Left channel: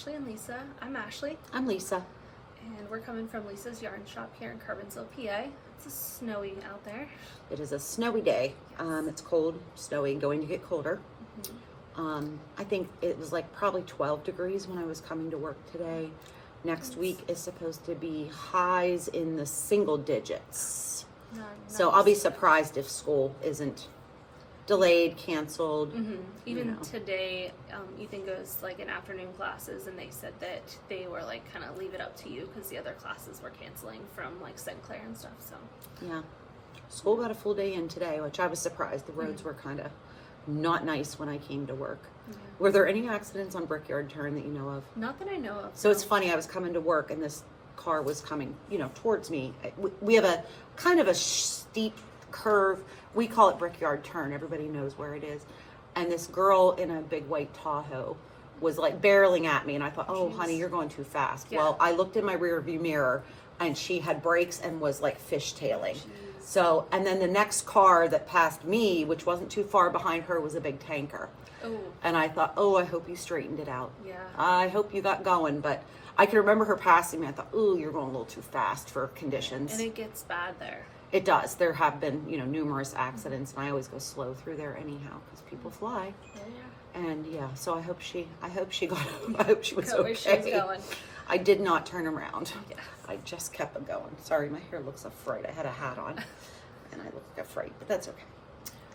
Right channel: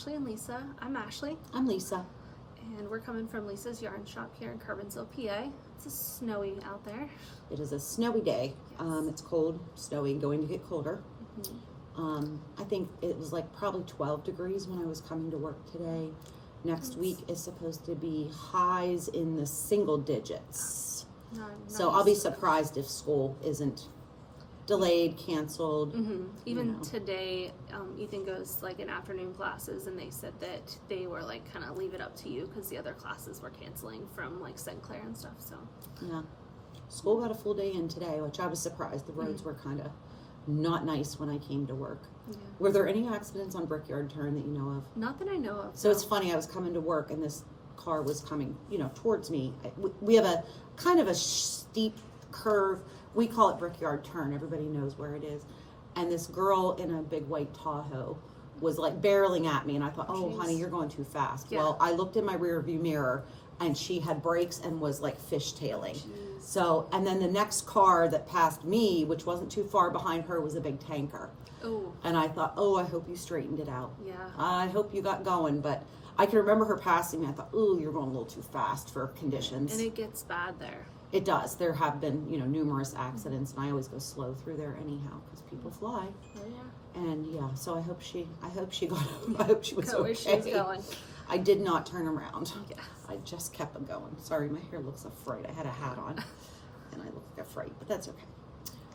Ashley and Lisa. I'm Ashley. I'm Lisa. And we're coming from Lisa's Yarn Shop here in Carbinsville, PA. It's snowy out there. It is a snowy day. It's cold, snowy, going to get colder. Mm-hmm. I think it was like probably 12 degrees when I was coming to work today. Next week is supposed to be highs in the single digits. So I'll be surprised if school isn't delayed, canceled. Mm-hmm. Even today, Ethan goes like in afternoon classes, and they said that they were like kind of leave it up to you because the other classes were canceling from like St. Clair and stuff. So yeah, school got a full day in today, which I was surprised. The roads were kind of not nice when I came to work. Yeah. Were there any accidents on Brickyard Turn that you know of? Not that I know of. So it's funny, I was coming to work and this car was coming, towards me. We have a kind of a steep curve. We call it Brickyard Turn. Everybody knows where it is. And this girl in a big white Tahoe was like barreling at me, and I thought, oh, honey, you're going too fast. Yeah. Well, I looked in my rear view mirror and she had brakes and was like fishtailing. So, and then the next car that passed me, which wasn't too far behind her, was a big tanker. Oh. And I thought, oh, I hope you straightened it out. Yeah. I hope you got going. But I can remember her passing me. I thought, oh, you're going a little too fast for conditions. And it gets bad there. It does. There have been, numerous accidents, and I always go slow through there anyhow because people fly. Yeah. And yeah, so I hope she got. I hope she was okay. Where she was going. I did not turn around. Yeah. I just kept it going. Sorry, my hair looks a fright. I had a hat on, and I look like a fright, but that's okay.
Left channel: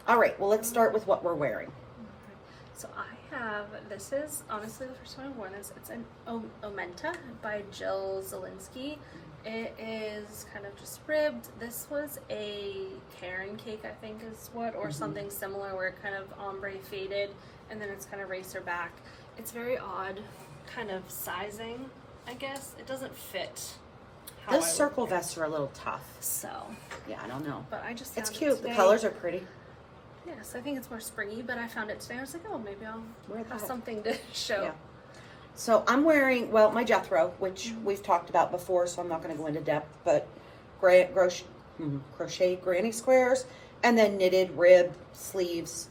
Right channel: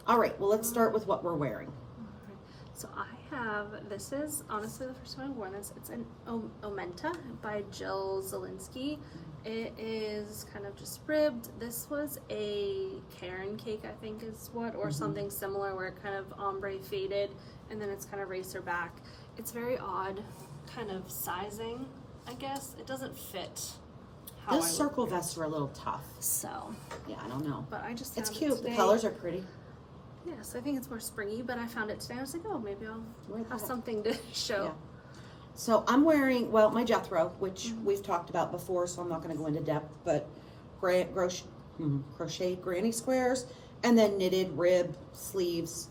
All right. Well, let's start with what we're wearing. So this is honestly the first time I've worn this. It's an Omenta by Jill Zielinski. It is kind of just ribbed. This was a Karen cake, I think is what, or something similar where it kind of ombre faded and then it's kind of racer back. It's very odd kind of sizing, I guess. It doesn't fit. Those circle vests are a little tough. So. Yeah, I don't know. But I just It's cute. The colors are pretty. Yes, I think it's more springy, but I found it today. I was like, oh, maybe I'll have something to show. Yeah. So I'm wearing, my Jethro, which we've talked about before, so I'm not going to go into depth, but crochet granny squares, and then knitted rib sleeves,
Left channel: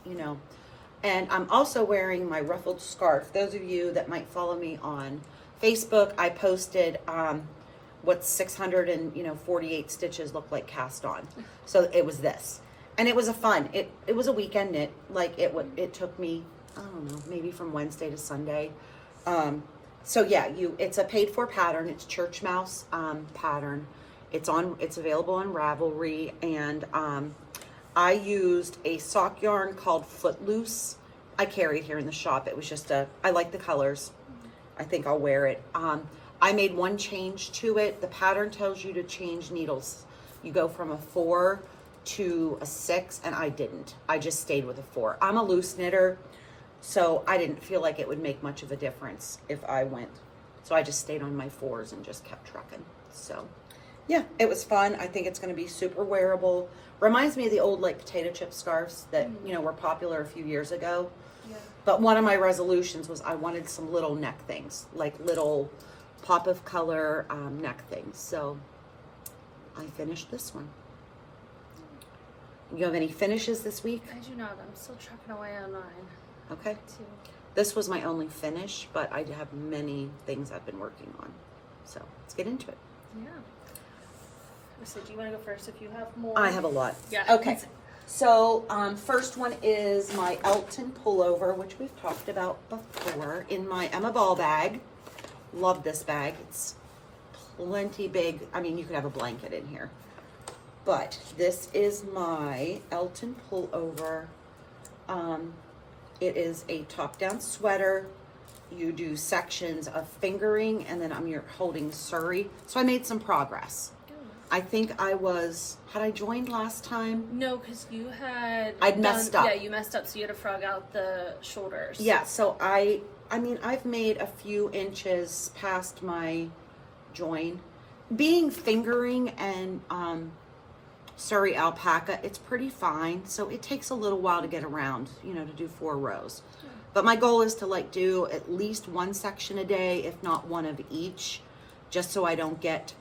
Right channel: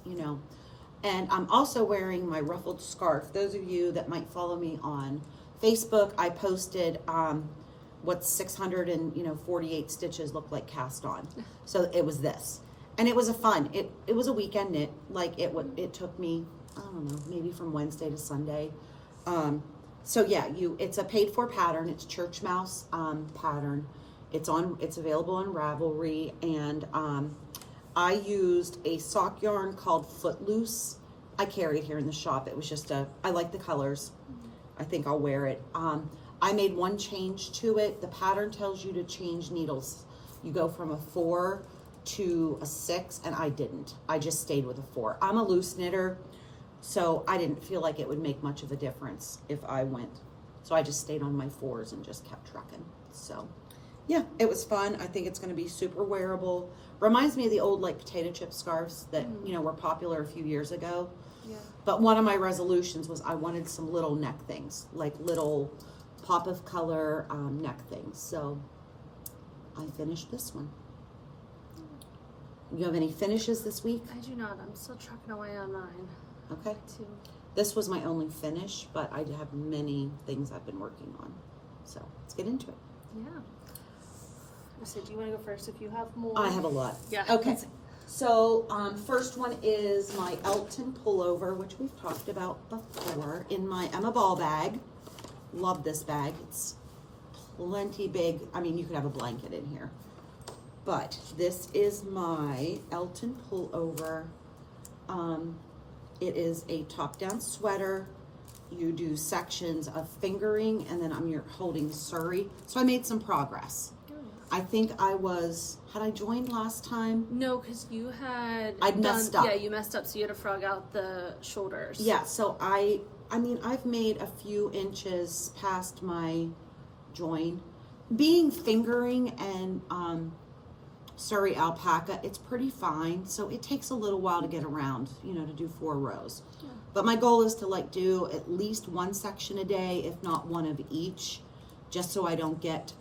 And I'm also wearing my ruffled scarf. Those of you that might follow me on Facebook, I posted what 648 stitches look like cast on. So it was this. And it was it was a weekend knit. Like it took me, I don't know, maybe from Wednesday to Sunday. So yeah, it's a paid for pattern. It's Church Mouse pattern. It's available on Ravelry, and I used a sock yarn called Footloose. I carry it here in the shop. It was just I like the colors. I think I'll wear it. I made one change to it. The pattern tells you to change needles. You go from a 4 to a 6, and I didn't. I just stayed with a 4. I'm a loose knitter, so I didn't feel like it would make much of a difference if I went. So I just stayed on my 4s and just kept trucking. So yeah, it was fun. I think it's going to be super wearable. Reminds me of the old like potato chip scarves that were popular a few years ago. Yeah. But one of my resolutions was I wanted some little neck things, like little pop of color neck things. So I finished this one. You have any finishes this week? I do not. I'm still trucking away on mine. Okay. This was my only finish, but I have many things I've been working on. So let's get into it. Yeah. So do you want to go first if you have more? I have a lot. Yeah. Okay. So first one is my Elton pullover, which we've talked about before, in my Emma Ball bag. Love this bag. It's plenty big. I mean, you could have a blanket in here. But this is my Elton pullover. It is a top-down sweater. You do sections of fingering, and then you're holding Surrey. So I made some progress. I think had I joined last time? No, because I'd messed up. Yeah, you messed up, so you had to frog out the shoulders. Yeah, so I've made a few inches past my join. Being fingering and Surrey alpaca, it's pretty fine, so it takes a little while to get around, to do 4 rows. But my goal is to do at least one section a day, if not one of each, just so I don't get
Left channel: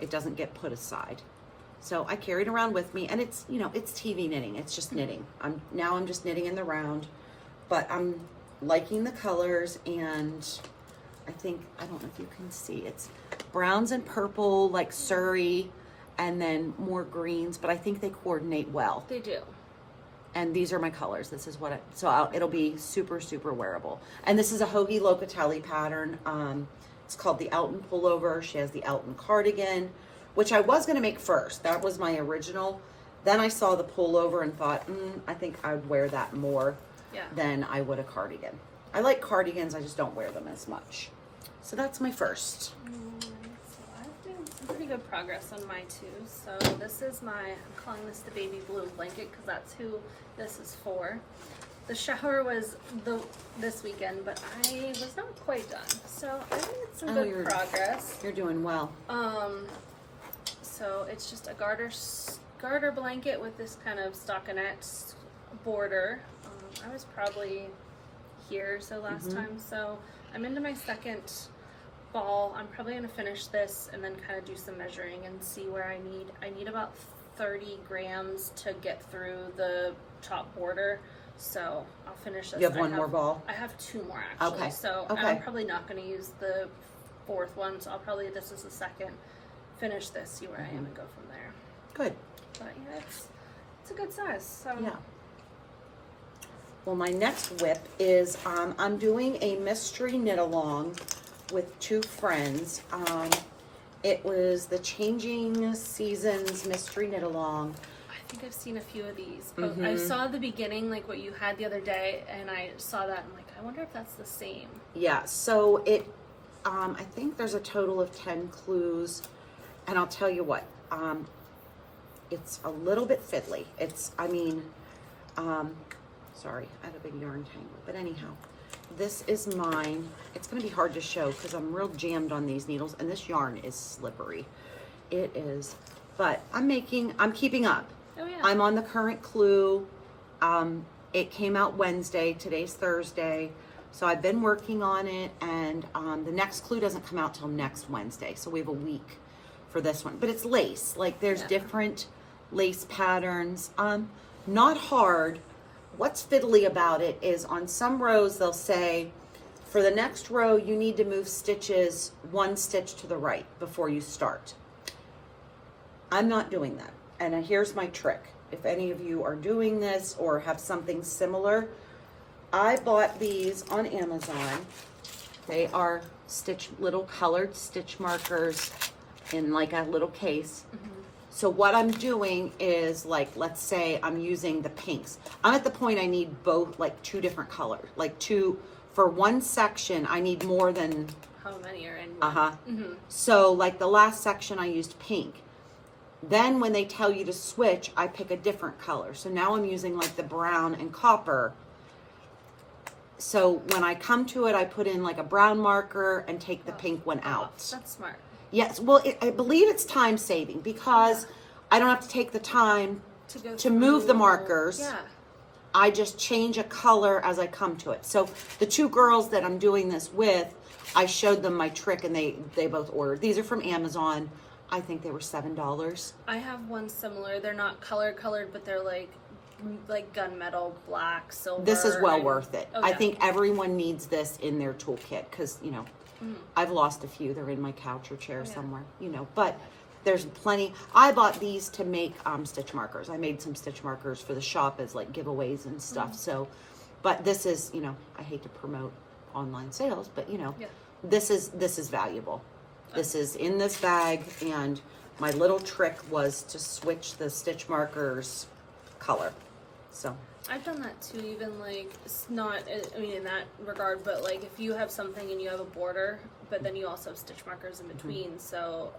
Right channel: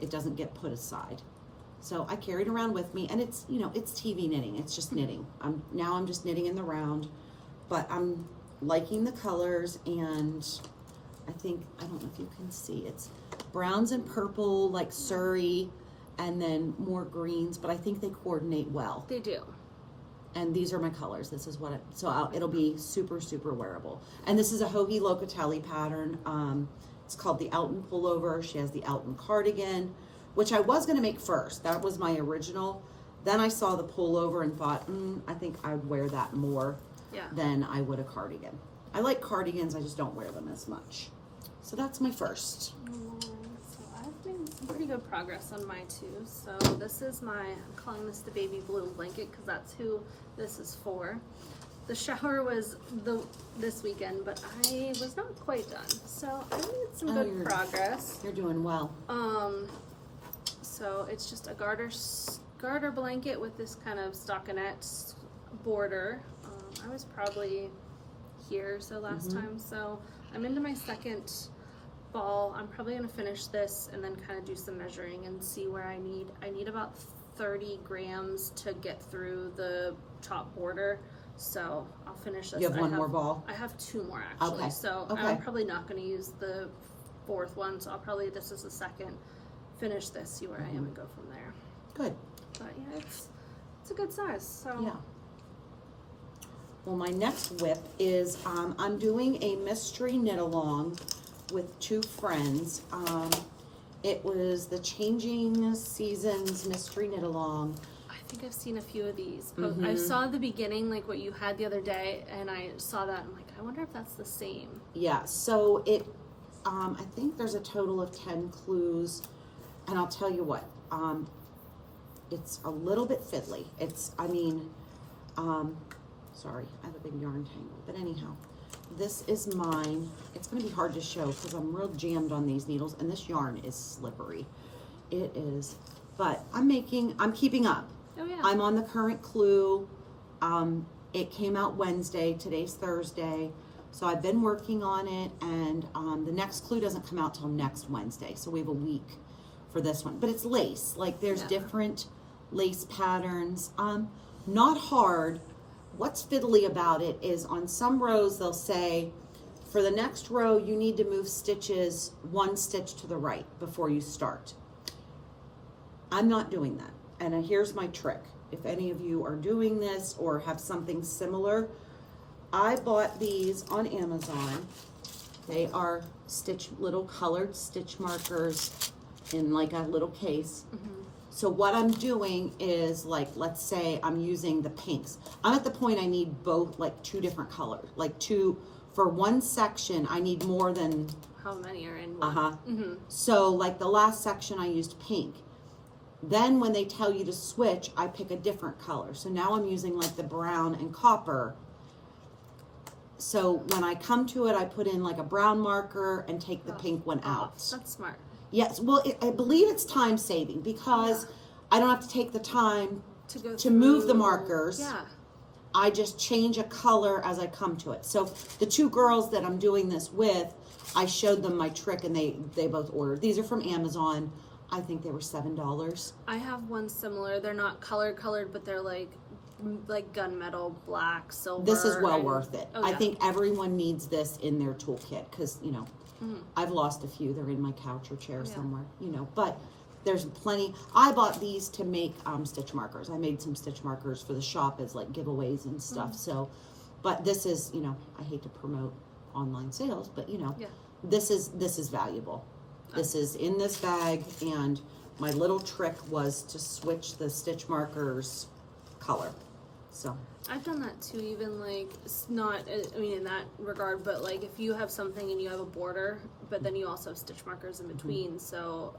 it doesn't get put aside. So I carry it around with me, and it's it's TV knitting. It's just knitting. I'm just knitting in the round, but liking the colors, and I don't know if you can see, it's browns and purple, like Surrey, and then more greens, but I think they coordinate well. They do. And these are my colors. This is what it'll be super, super wearable. And this is a Hoagie Locatelli pattern. It's called the Elton pullover. She has the Elton cardigan, which I was going to make first. That was my original. Then I saw the pullover and thought, I think I would wear that more than I would a cardigan. I like cardigans, I just don't wear them as much. So that's my first. So I've made some pretty good progress on my two. So this is I'm calling this the baby blue blanket because that's who this is for. The shower was this weekend, but I was not quite done. So I made some good progress. You're doing well. So it's just a garter blanket with this kind of stockinette border. I was probably here last time, so I'm into my second ball. I'm probably going to finish this and then kind of do some measuring and see where I need about 30 grams to get through the top border, so I'll finish this. You have one more ball? I have two more actually. Okay. So okay. I'm probably not going to use the fourth one, so this is the second, finish this, see where I am and go from there. Good. But yeah, it's a good size. So yeah. Well, my next whip is I'm doing a mystery knit along with two friends. It was the Changing Seasons mystery knit along. I think I've seen a few of these. I saw the beginning, like what you had the other day, and I saw that and I'm like, I wonder if that's the same. Yeah, so it I think there's a total of 10 clues, and I'll tell you what, it's a little bit fiddly. Sorry, I have a big yarn tangle, but anyhow, this is mine. It's going to be hard to show because I'm real jammed on these needles, and this yarn is slippery. It is, but I'm keeping up. Oh yeah. I'm on the current clue. It came out Wednesday, today's Thursday, so I've been working on it, and the next clue doesn't come out till next Wednesday, so we have a week for this one. But it's lace, like there's different lace patterns. Not hard. What's fiddly about it is on some rows they'll say, for the next row you need to move stitches one stitch to the right before you start. I'm not doing that, and here's my trick. If any of you are doing this or have something similar, I bought these on Amazon. They are little colored stitch markers in like a little case. So what I'm doing is, like, let's say I'm using the pinks. I'm at the point I need both, like two different colors. Like for one section, I need more than... How many are in one? So like the last section I used pink. Then when they tell you to switch, I pick a different color. So now I'm using like the brown and copper. So when I come to it, I put in like a brown marker and take the pink one out. That's smart. Yes, well, I believe it's time saving because I don't have to take the time to move the markers. Yeah. I just change a color as I come to it. So the two girls that I'm doing this with, I showed them my trick and they both ordered. These are from Amazon. I think they were $7. I have one similar. They're not colored, but they're like gunmetal, black, silver. This is well worth it. Oh, I think everyone needs this in their toolkit because, I've lost a few. They're in my couch or chair somewhere, but there's plenty. I bought these to make stitch markers. I made some stitch markers for the shop as like giveaways and stuff. So, but this is, I hate to promote online sales, but this is valuable. This is in this bag, and my little trick was to switch the stitch markers color. So I've done that too, even like, it's not, in that regard, but like if you have something and you have a border, but then you also have stitch markers in between, so,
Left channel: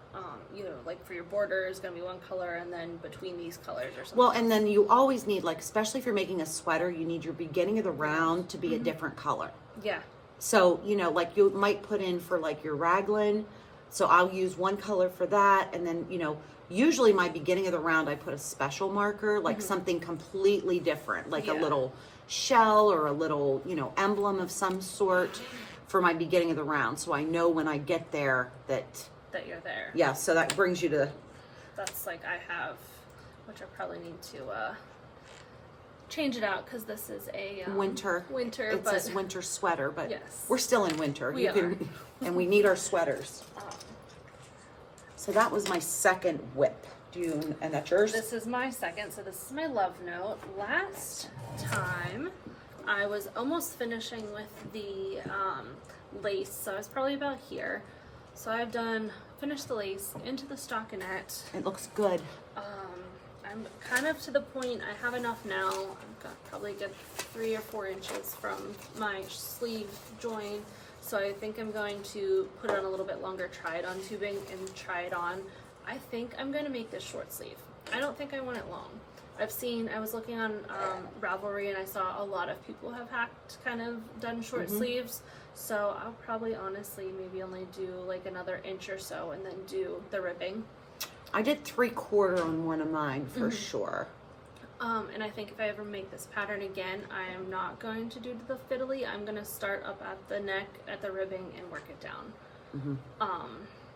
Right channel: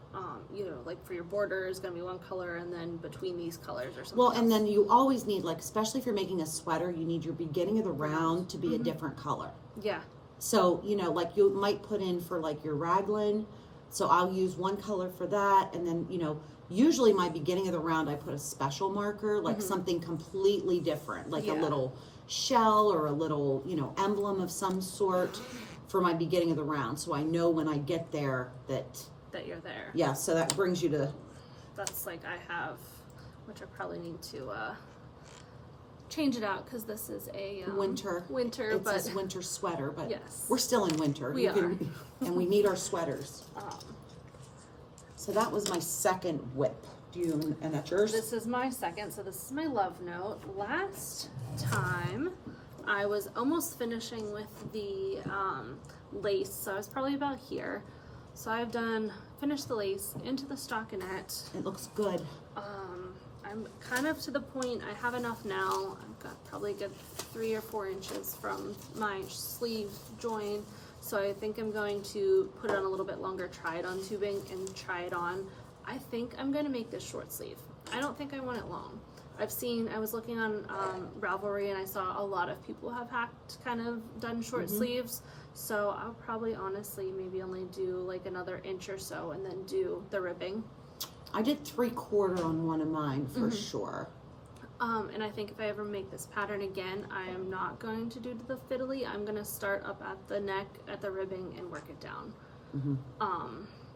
like for your border is going to be one color, and then between these colors or something. Well, and then you always need, like, especially if you're making a sweater, you need your beginning of the round to be a different color. Yeah. So, like you might put in for like your raglan, so I'll use one color for that, and then, usually my beginning of the round, I put a special marker, like something completely different, like a little shell or a little, emblem of some sort for my beginning of the round. So I know when I get there that you're there. Yeah, so that brings you to... That's like I have, which I probably need to change it out because this is a winter. It but says winter sweater, but yes, we're still in winter. we are. And we need our sweaters. Um, So that was my second whip. And that's yours? This is my second, so this is my love note. Last time I was almost finishing with the lace, so I was probably about here. So I've finished the lace into the stockinette. It looks good. I'm kind of to the point, I have enough now. I've got probably a good 3 or 4 inches from my sleeve join. So I think I'm going to put on a little bit longer try-it-on tubing and try it on. I think I'm going to make this short sleeve. I don't think I want it long. I was looking on Ravelry and I saw a lot of people have kind of done short sleeves. So I'll probably honestly maybe only do like another inch or so and then do the ribbing. I did 3/4 on one of mine for sure. And I think if I ever make this pattern again, I am not going to do the fiddly. I'm going to start up at the neck, at the ribbing, and work it down.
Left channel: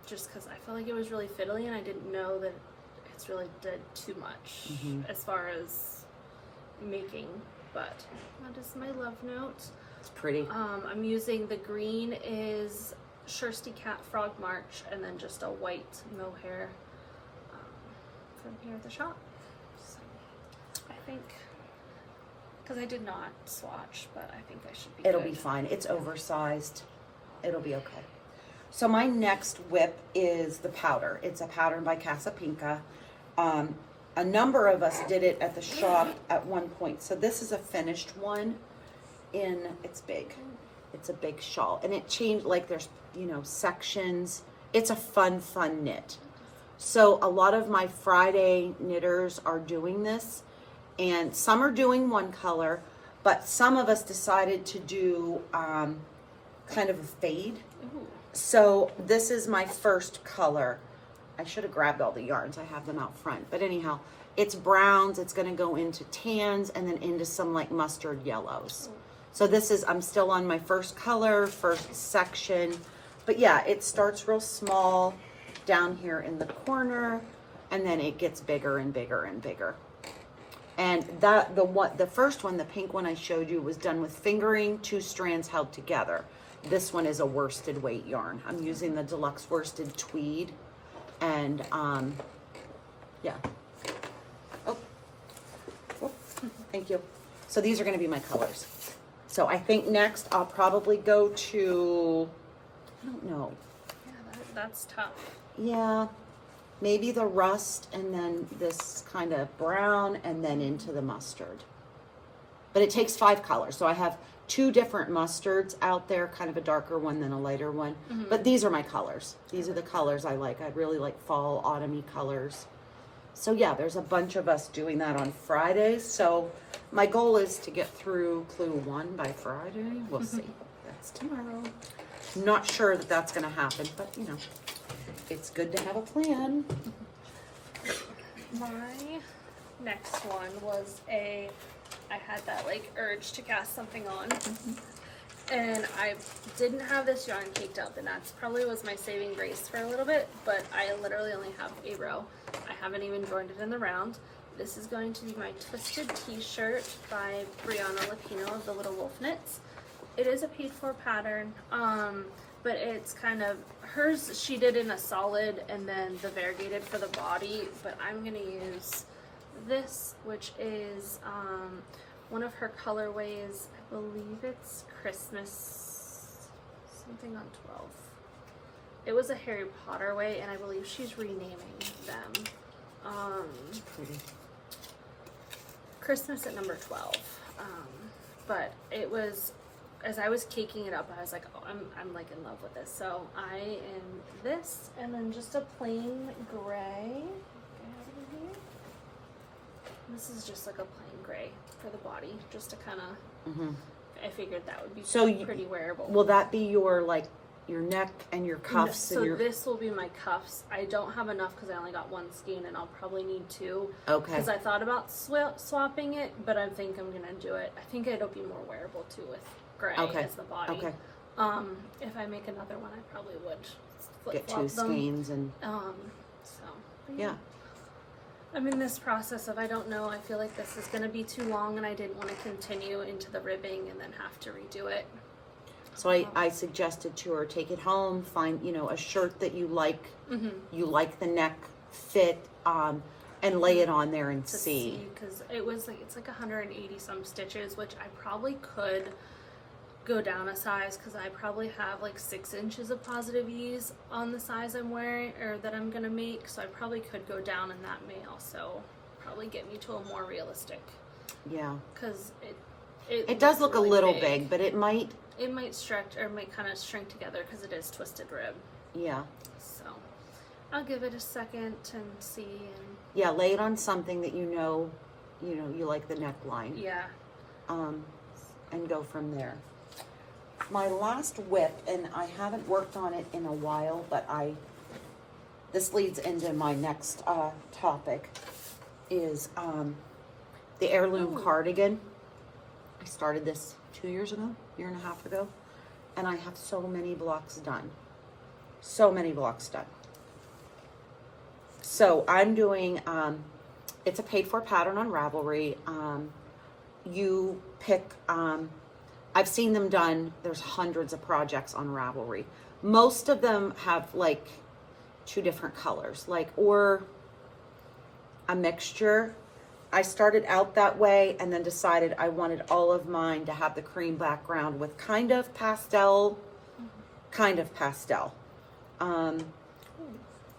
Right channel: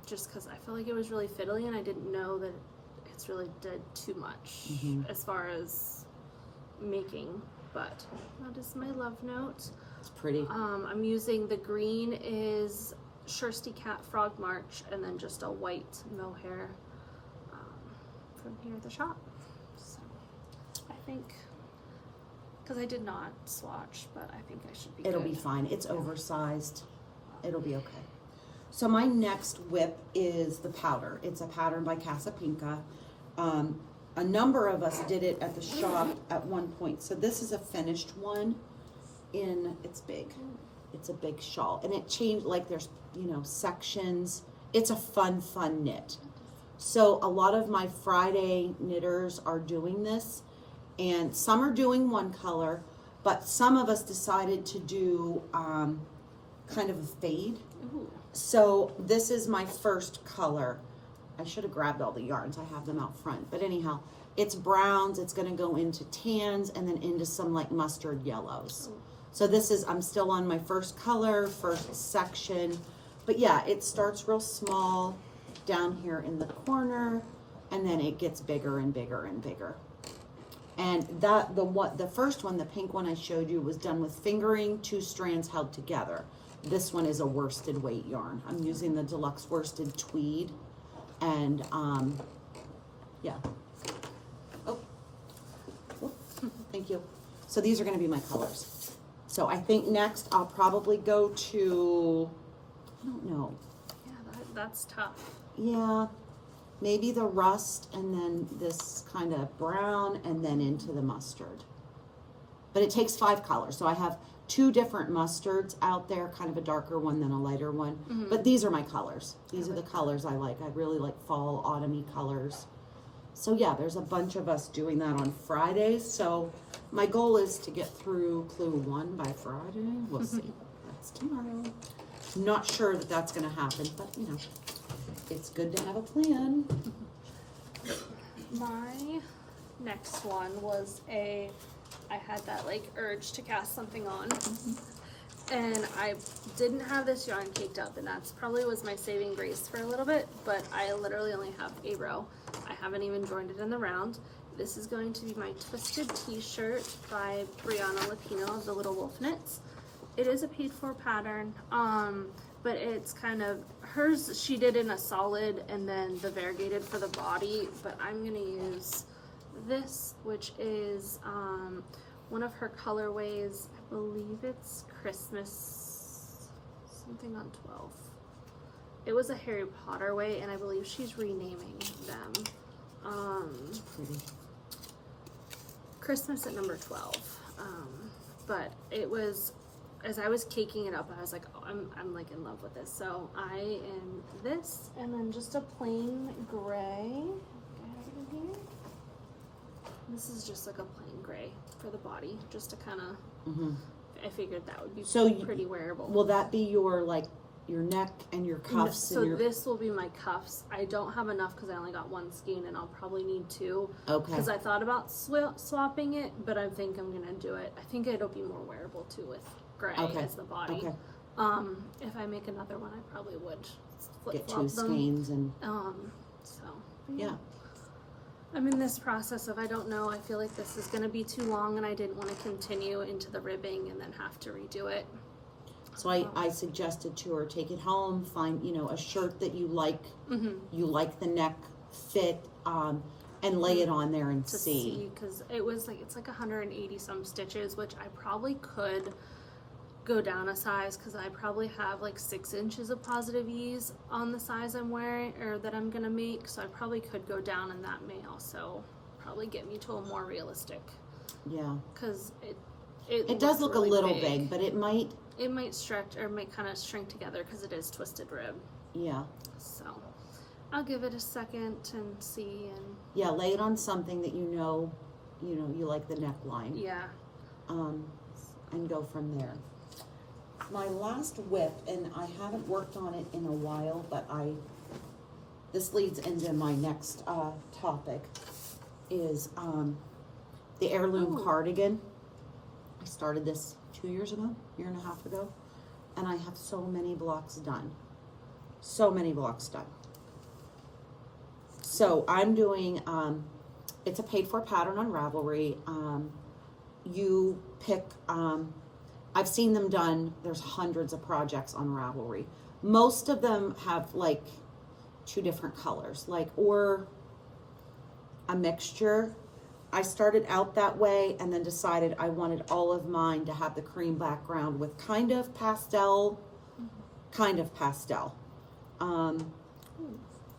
Just because I felt like it was really fiddly, and I didn't know that it's really did too much as far as making. But that is my love note. It's pretty. I'm using the green is Shirsty Cat Frog March, and then just a white mohair from here at the shop. I think, because I did not swatch, but I think I should be It'll good. be fine. It's oversized. It'll be okay. So my next whip is the powder. It's a pattern by Casapinka. A number of us did it at the shop at one point. So this is a finished one it's big. It's a big shawl. And it changed, like there's, sections. It's a fun knit. So a lot of my Friday knitters are doing this. And some are doing one color, but some of us decided to do kind of a fade. Ooh. So this is my first color. I should have grabbed all the yarns. I have them out front. But anyhow, it's browns. It's going to go into tans and then into some like mustard yellows. Ooh. So I'm still on my first color, first section. But yeah, it starts real small down here in the corner, and then it gets bigger and bigger and bigger. And the first one, the pink one I showed you, was done with fingering, 2 strands held together. This one is a worsted weight yarn. I'm using the Deluxe Worsted Tweed. And yeah. Oh, thank you. So these are going to be my colors. So I think next I'll probably go to, I don't know. Yeah, that's tough. Yeah. Maybe the rust and then this kind of brown and then into the mustard. But it takes 5 colors. So I have 2 different mustards out there, kind of a darker one than a lighter one. But these are my colors. These are the colors I like. I really like fall, autumny colors. So yeah, there's a bunch of us doing that on Fridays. So my goal is to get through Clue 1 by Friday. We'll see. That's tomorrow. Not sure that that's going to happen, but it's good to have a plan. My next one was I had that like urge to cast something on. And I didn't have this yarn caked up, and that's probably was my saving grace for a little bit, but I literally only have a row. I haven't even joined it in the round. This is going to be my Twisted T-shirt by Brianna Lapino of the Little Wolf Knits. It is a paid for pattern, but it's kind of, hers she did in a solid and then the variegated for the body, but I'm gonna use this, which is one of her colorways. I believe it's Christmas something on 12. It was a Harry Potter way, and I believe she's renaming them. Pretty. Christmas at number 12. But it was, as I was caking it up, I was like, oh, I'm like in love with this. So I am this, and then just a plain gray. This is just like a plain gray for the body, just to kind of, I figured that would be pretty wearable. Will that be your your neck and your cuffs? So this will be my cuffs. I don't have enough because I only got 1 skein, and I'll probably need 2. Okay. Because I thought about swapping it, but I think I'm gonna do it. I think it'll be more wearable too with gray as the body. Okay. If I make another one, I probably would Get flip-flop 2 them. skeins and So yeah. I'm in this process of I don't know. I feel like this is going to be too long, and I didn't want to continue into the ribbing and then have to redo it. So I suggested to her, take it home, find, you know, a shirt that you like, you like the neck fit, and lay it on there and to see. Because it's like 180 some stitches, which I probably could go down a size, because I probably have like 6 inches of positive ease on the size I'm wearing or that I'm gonna make, so I probably could go down, and that may also probably get me to a more realistic. Yeah, because it does look really a little big, but it might stretch or might kind of shrink together because it is twisted rib. Yeah. So I'll give it a second and see. And yeah, lay it on something that you know you like the neckline. Yeah. And go from there. My last whip, and I haven't worked on it in a while, but this leads into my next topic, is the heirloom cardigan. I started this 2 years ago, year and a half ago, and I have so many blocks done. So many blocks done. So I'm doing, it's a paid for pattern on Ravelry. You pick, I've seen them done, there's hundreds of projects on Ravelry. Most of them have like 2 different colors, like, or a mixture. I started out that way and then decided I wanted all of mine to have the cream background with kind of pastel.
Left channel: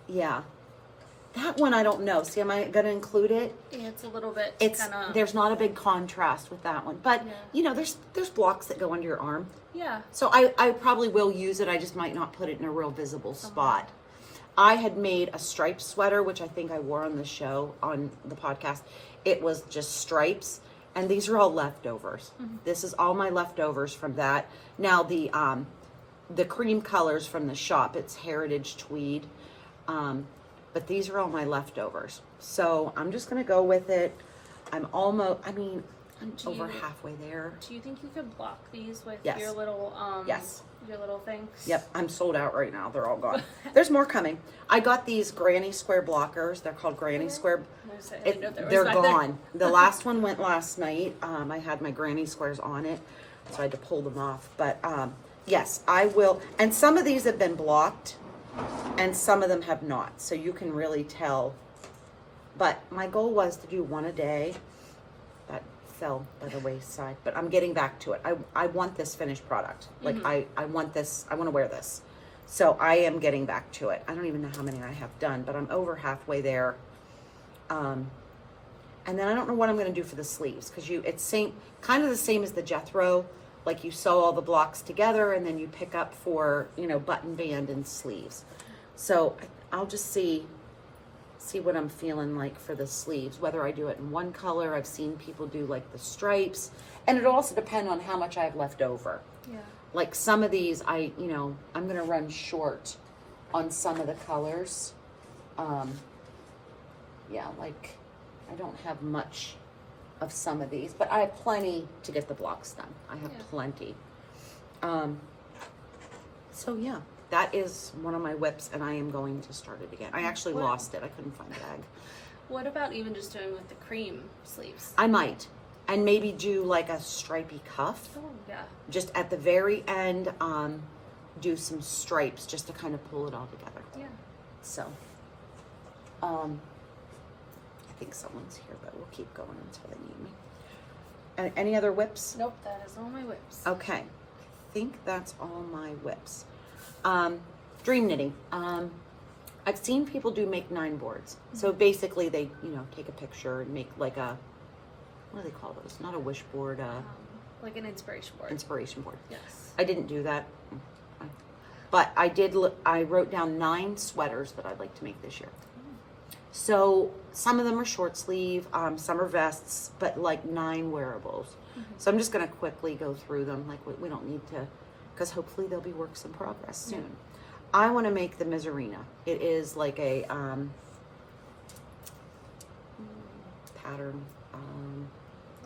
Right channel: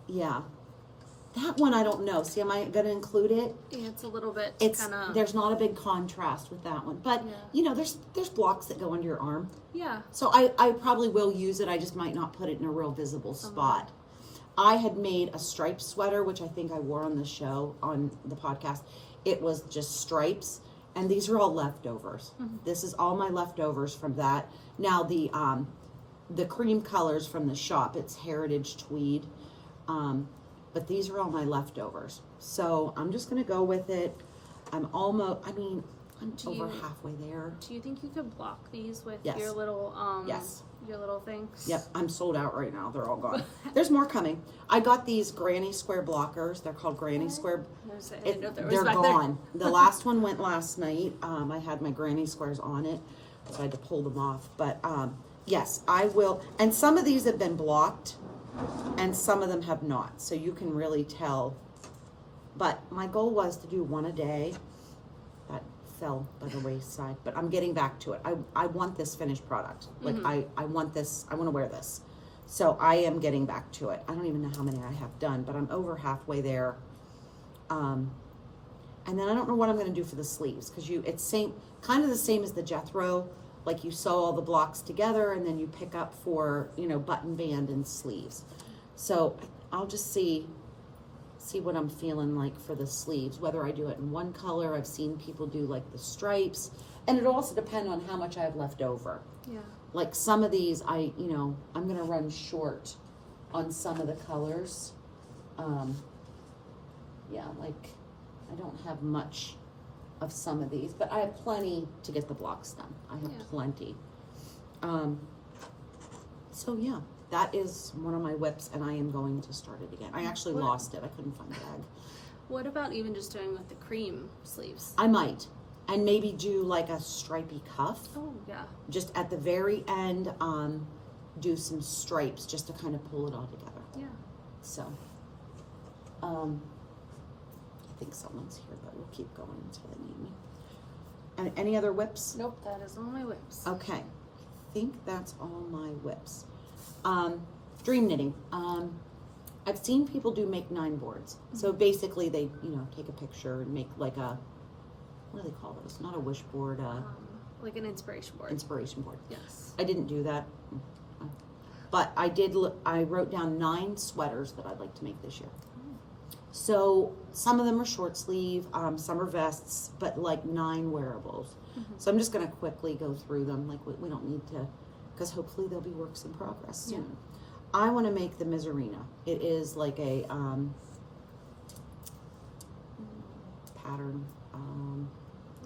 Yeah. That one I don't know. See, am I going to include it? Yeah, it's a little bit. There's not a big contrast with that one, but you know, there's blocks that go under your arm. Yeah. So I probably will use it. I just might not put it in a real visible spot. I had made a striped sweater, which I think I wore on the show, on the podcast. It was just stripes, and these are all leftovers. This is all my leftovers from that. Now the cream colors from the shop, it's Heritage Tweed. But these are all my leftovers. So I'm just going to go with it. I'm over halfway there. Do you think you could block these with Yes. your little Yes. your little things? Yep, I'm sold out right now. They're all gone. There's more coming. I got these granny square blockers. They're called granny square. They're gone. The last one went last night. I had my granny squares on it, so I had to pull them off. But yes, I will. And some of these have been blocked, and some of them have not. So you can really tell. But my goal was to do one a day. That fell by the wayside, but I'm getting back to it. I want this finished product. Like I want this, I want to wear this. So I am getting back to it. I don't even know how many I have done, but I'm over halfway there. And then I don't know what I'm going to do for the sleeves, because it's kind of the same as the Jethro. Like you sew all the blocks together and then you pick up for, button band and sleeves. So I'll just see what I'm feeling like for the sleeves, whether I do it in one color. I've seen people do like the stripes, and it'll also depend on how much I have left over. Yeah. Like some of these, I'm going to run short on some of the colors. Yeah, like I don't have much of some of these, but I have plenty to get the blocks done. I have plenty. So yeah, that is one of my whips, and I am going to start it again. I actually lost it. I couldn't find the bag. What about even just doing with the cream sleeves? I might. And maybe do like a stripy cuff. Oh, yeah. Just at the very end, do some stripes just to kind of pull it all together. Yeah. So, I think someone's here, but we'll keep going until they need me. Any other whips? Nope, that is all my whips. Okay. I think that's all my whips. Dream knitting. I've seen people make 9 boards. So basically they, take a picture and make like a, what do they call those? Not a wish board, like an inspiration board. Inspiration board. Yes. I didn't do that. But I wrote down 9 sweaters that I'd like to make this year. So some of them are short sleeve, some are vests, but like 9 wearables. So I'm just going to quickly go through them. Like we don't need to, because hopefully there'll be works in progress soon. Yeah. I want to make the Miserina. It is like a pattern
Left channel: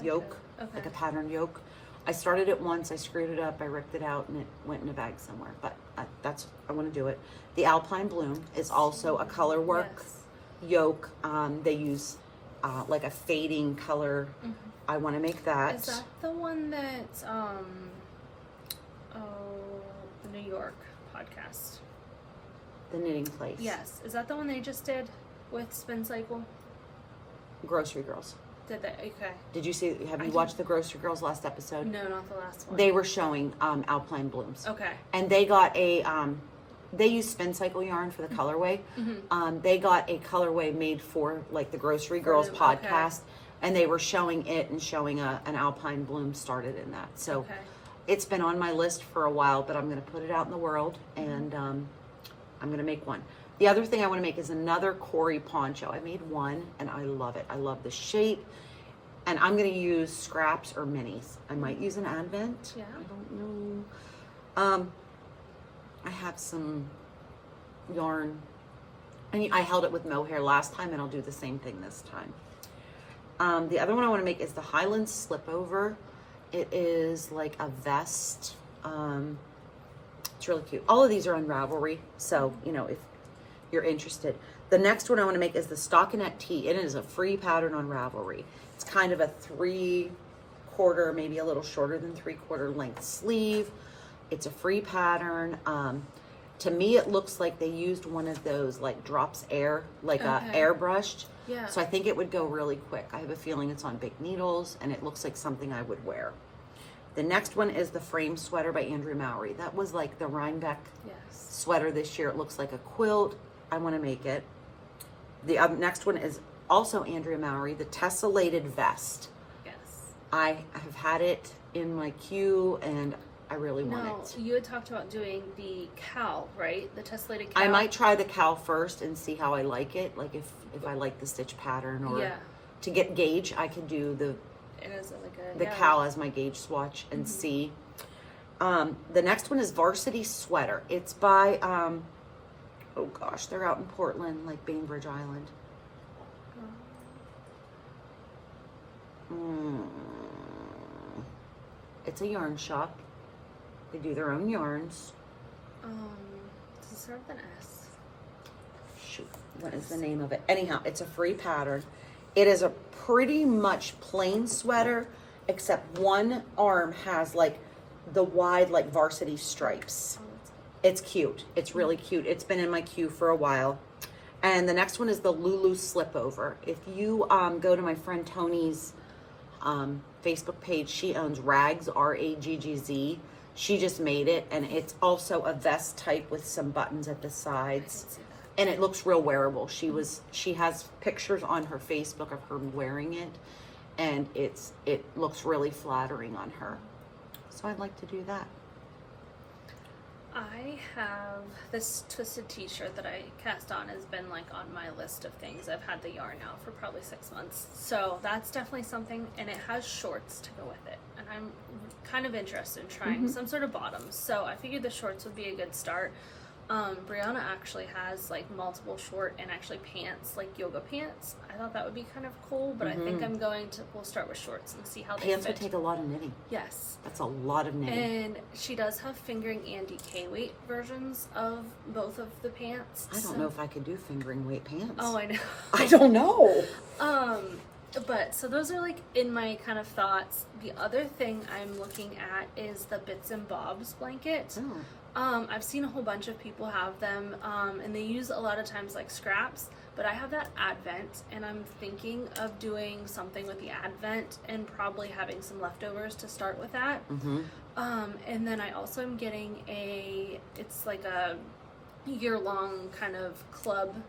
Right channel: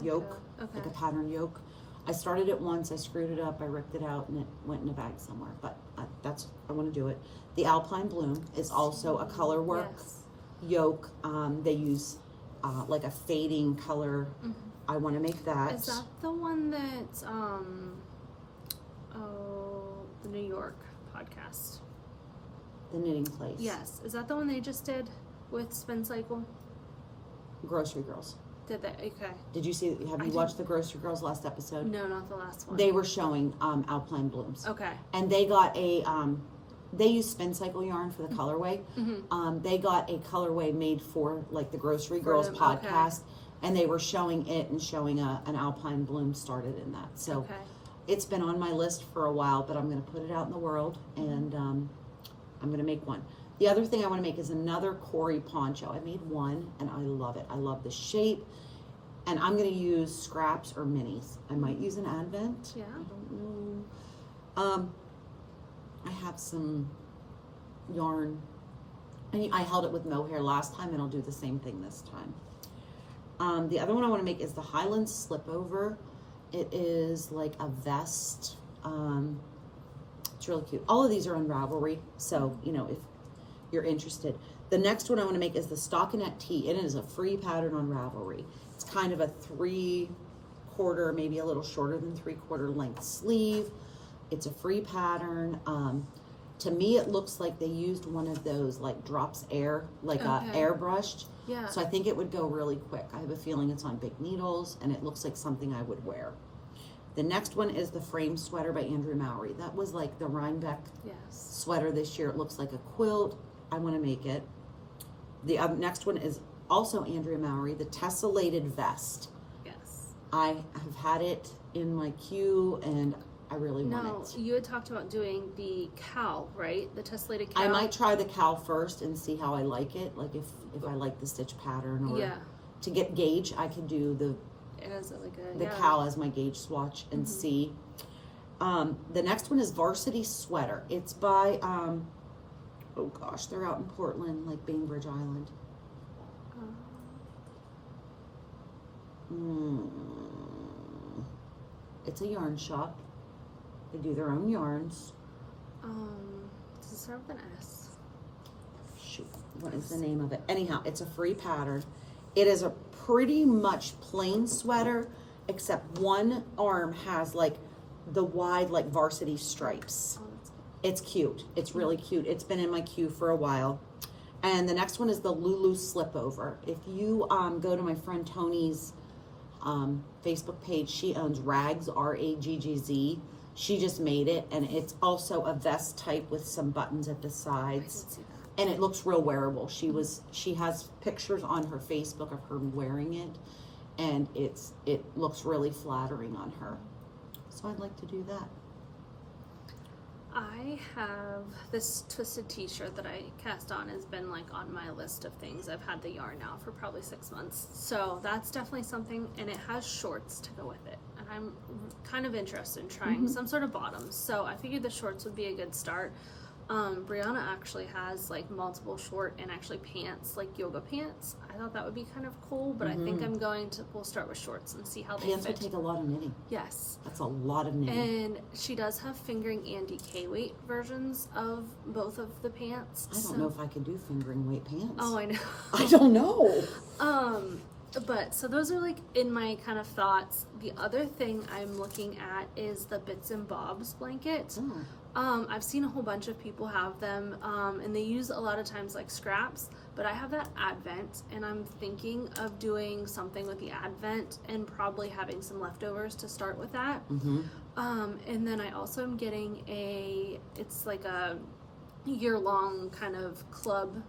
yoke, like a pattern yoke. I started it once, I screwed it up, I ripped it out, and it went in a bag somewhere. But I want to do it. The Alpine Bloom is also a color work. Yes. yoke. They use like a fading color. Mhm. I want to make that. Is that the one that the New York podcast? The knitting place. Yes. Is that the one they just did with Spin Cycle? Grocery Girls. Did they? Okay. Did you see? Have you watched the Grocery Girls last episode? No, not the last one. They were showing Alpine Blooms. Okay. And they got a they use Spin Cycle yarn for the colorway. Mm-hmm. They got a colorway made for like the Grocery Girls them, podcast, and they were showing it and showing an Alpine Bloom started in that. So Okay. it's been on my list for a while, but I'm going to put it out in the world, and I'm going to make one. The other thing I want to make is another Corey poncho. I made one, and I love it. I love the shape, and I'm going to use scraps or minis. I might use an Advent. Yeah. I don't know. I have some yarn. I held it with mohair last time, and I'll do the same thing this time. The other one I want to make is the Highland Slipover. It is like a vest. It's really cute. All of these are on Ravelry, so you know if you're interested. The next one I want to make is the stockinette tee. It is a free pattern on Ravelry. It's kind of a 3/4, maybe a little shorter than 3/4 length sleeve. It's a free pattern. To me, it looks like they used one of those like drops air, like airbrushed. Yeah. So I think it would go really quick. I have a feeling it's on big needles, and it looks like something I would wear. The next one is the frame sweater by Andrea Mowry. That was like the Rhinebeck sweater this year. It looks like a quilt. I want to make it. The next one is also Andrea Mowry, the tessellated vest. Yes. I have had it in my queue, and I really want it. You had talked about doing the cowl, right? The tessellated cowl. I might try the cowl first and see how I like it. Like if I like the stitch pattern, or to get gauge, I could do the cowl as my gauge swatch and see. The next one is Varsity Sweater. It's by oh gosh, they're out in Portland, like Bainbridge Island. It's a yarn shop. They do their own yarns. Does it start with an S? Shoot, what is the name of it? Anyhow, it's a free pattern. It is a pretty much plain sweater, except one arm has like the wide like varsity stripes. It's cute. It's really cute. It's been in my queue for a while. And the next one is the Lulu Slipover. If you go to my friend Tony's Facebook page, she owns Rags, Raggz. She just made it, and it's also a vest type with some buttons at the sides. And it looks real wearable. She has pictures on her Facebook of her wearing it, and it looks really flattering on her. So I'd like to do that. I have this twisted t-shirt that I cast on has been like on my list of things. I've had the yarn now for probably 6 months. So that's definitely something, and it has shorts to go with it. And I'm kind of interested in trying some sort of bottoms. So I figured the shorts would be a good start. Brianna actually has like multiple short and actually pants, like yoga pants. I thought that would be kind of cool, but I think we'll start with shorts and see how they fit. Pants would take a lot of knitting. Yes. That's a lot of knitting. And she does have fingering and DK weight versions of both of the pants. I don't know if I could do fingering weight pants. Oh, I know. I don't know. But so those are like in my kind of thoughts. The other thing I'm looking at is the Bits and Bobs blanket. I've seen a whole bunch of people have them, and they use a lot of times like scraps, but I have that Advent, and I'm thinking of doing something with the Advent and probably having some leftovers to start with that. And then I also am getting it's like a year-long kind of club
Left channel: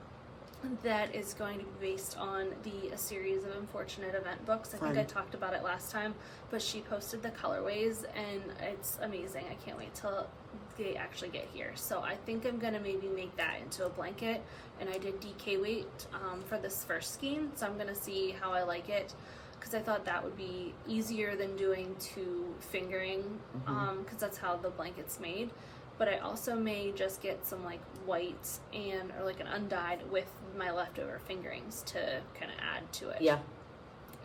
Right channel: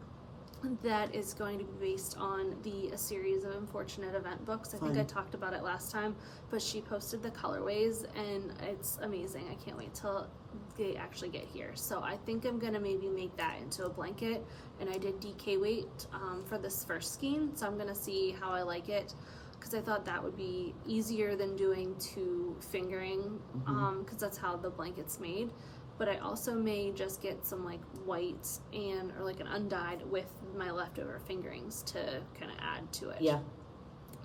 that is going to be based on a series of Unfortunate Event books. I think I talked about it last time, but she posted the colorways, and it's amazing. I can't wait till they actually get here. So I think I'm gonna maybe make that into a blanket, and I did DK weight for this first skein, so I'm gonna see how I like it, because I thought that would be easier than doing 2 fingering, because that's how the blanket's made. But I also may just get some like white or like an undyed with my leftover fingerings to kind of add to it. Yeah.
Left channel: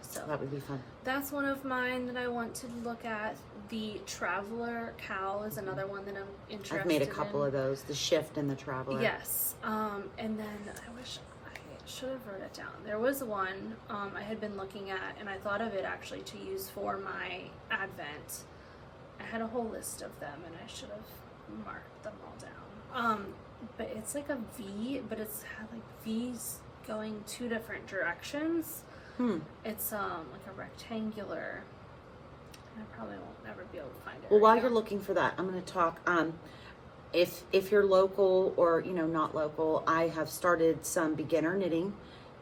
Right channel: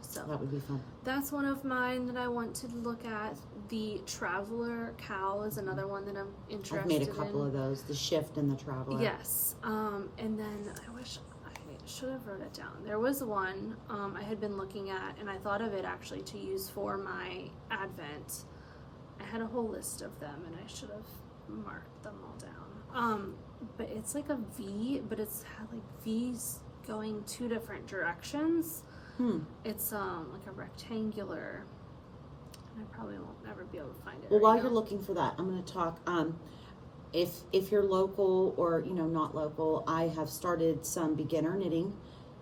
So that would be fun. That's one of mine that I want to look at. The Traveler cowl is another one that I'm interested in. I've made a couple of those, the Shift and the Traveler. Yes. And then I wish should have wrote it down. There was one I had been looking at, and I thought of it actually to use for my Advent. I had a whole list of them, and I should have marked them all down. But it's like a V, but it's had like V's going two different directions. It's like a rectangular. And I probably won't ever be able to find it. Well, while you're looking for that, I'm going to talk. If you're local or not local, I have started some beginner knitting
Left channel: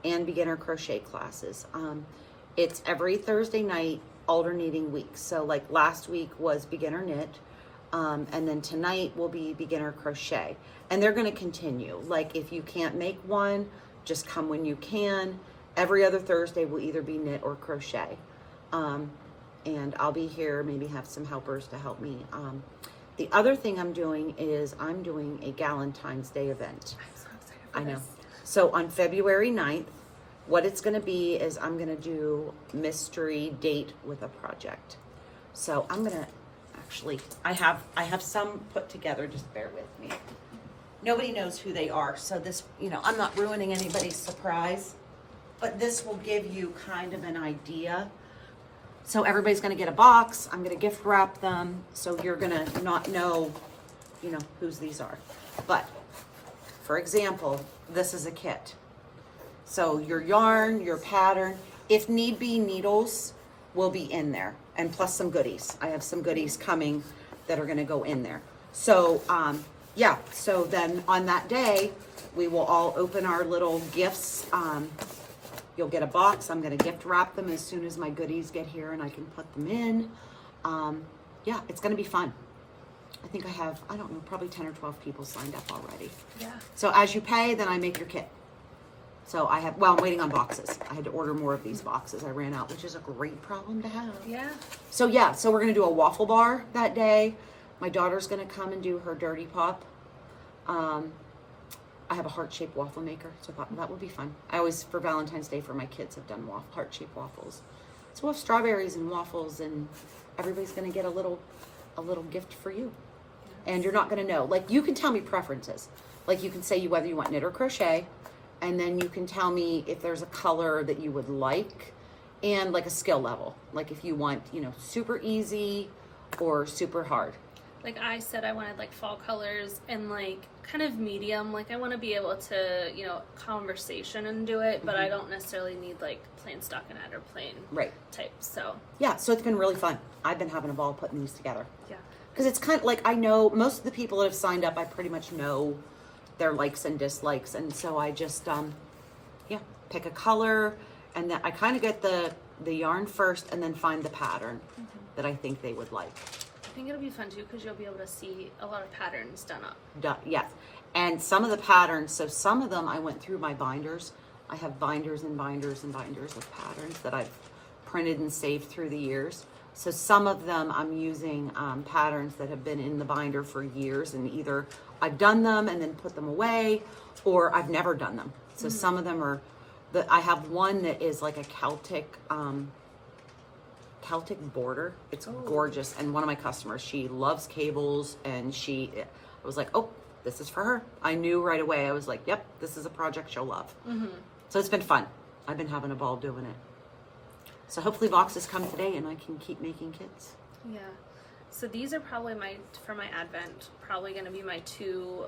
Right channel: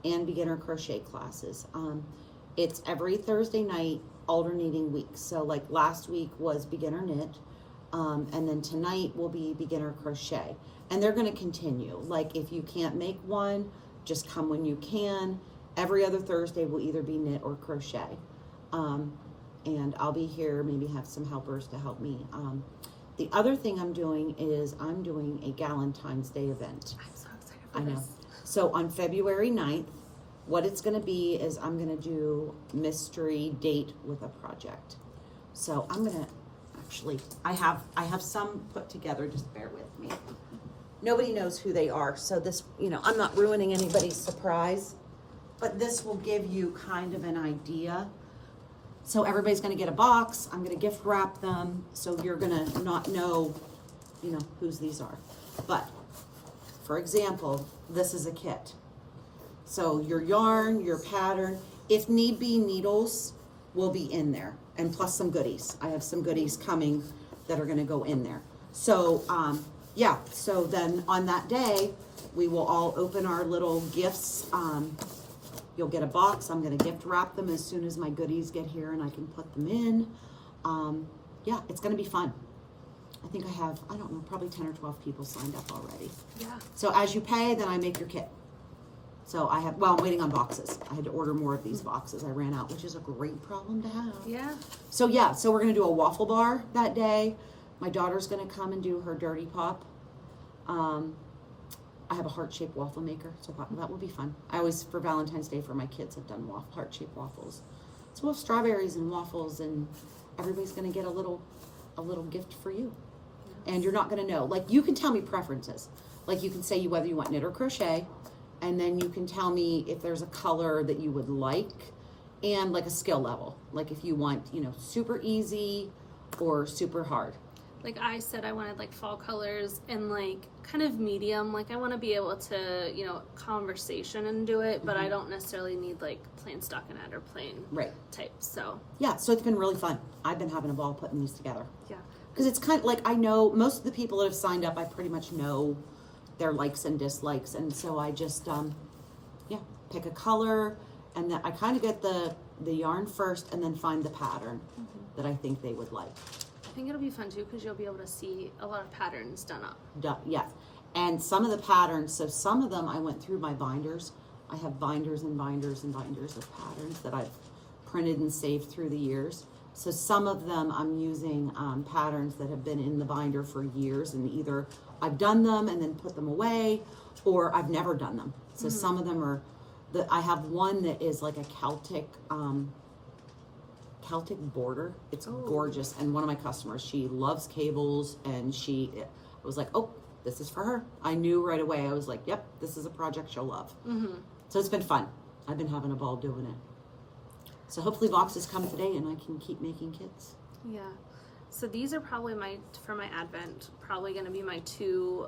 and beginner crochet classes. It's every Thursday night, alternating weeks. So like last week was beginner knit, and then tonight will be beginner crochet, and they're going to continue. Like if you can't make one, just come when you can. Every other Thursday will either be knit or crochet, and I'll be here. Maybe have some helpers to help me. The other thing I'm doing is I'm doing a Galentine's Day event. I'm so excited for I know. this. So on February 9th, what it's going to be is I'm going to do mystery date with a project. So I'm going to actually, I have some put together, just bear with me. Nobody knows who they are, so this, I'm not ruining anybody's surprise, but this will give you kind of an idea. So everybody's going to get a box. I'm going to gift wrap them, so you're going to not know, whose these are. But for example, this is a kit. So your yarn, your pattern, if need be, needles will be in there, and plus some goodies. I have some goodies coming that are going to go in there. So yeah, so then on that day, we will all open our little gifts. You'll get a box. I'm going to gift wrap them as soon as my goodies get here and I can put them in. Yeah, it's going to be fun. I think I have, I don't know, probably 10 or 12 people signed up already. Yeah. So as you pay, then I make your kit. So I'm waiting on boxes. I had to order more of these boxes. I ran out, which is a great problem to have. Yeah. So yeah, so we're going to do a waffle bar that day. My daughter's going to come and do her dirty pop. I have a heart-shaped waffle maker, so that would be fun. I always, for Valentine's Day for my kids, have done heart-shaped waffles. So we'll have strawberries and waffles, and everybody's going to get a little gift for you. Yes. And you're not going to know. Like, you can tell me preferences. Like, you can say whether you want knit or crochet, and then you can tell me if there's a color that you would like, and like a skill level. Like if you want, super easy or super hard. Like I said, I wanted like fall colors and like kind of medium. Like I want to be able to, conversation and do it, but I don't necessarily need like plain stockinette or plain type. So yeah, so it's been really fun. I've been having a ball putting these together. Yeah, because it's kind of like, I know most of the people that have signed up, I pretty much know their likes and dislikes, and so I just pick a color, and then I kind of get the yarn first and then find the pattern that I think they would like. I think it'll be fun too because you'll be able to see a lot of patterns done up. Yes, and some of the patterns, so some of them I went through my binders. I have binders and binders and binders of patterns that I've printed and saved through the years. So some of them I'm using patterns that have been in the binder for years, and either I've done them and then put them away, or I've never done them. So some of them are, I have one that is like a Celtic border. It's gorgeous. And one of my customers, she loves cables, and I was like, oh, this is for her. I knew right away. I was like, yep, this is a project she'll love. So it's been fun. I've been having a ball doing it. So hopefully boxes come today and I can keep making kits. Yeah. So these are probably for my Advent, probably going to be my two.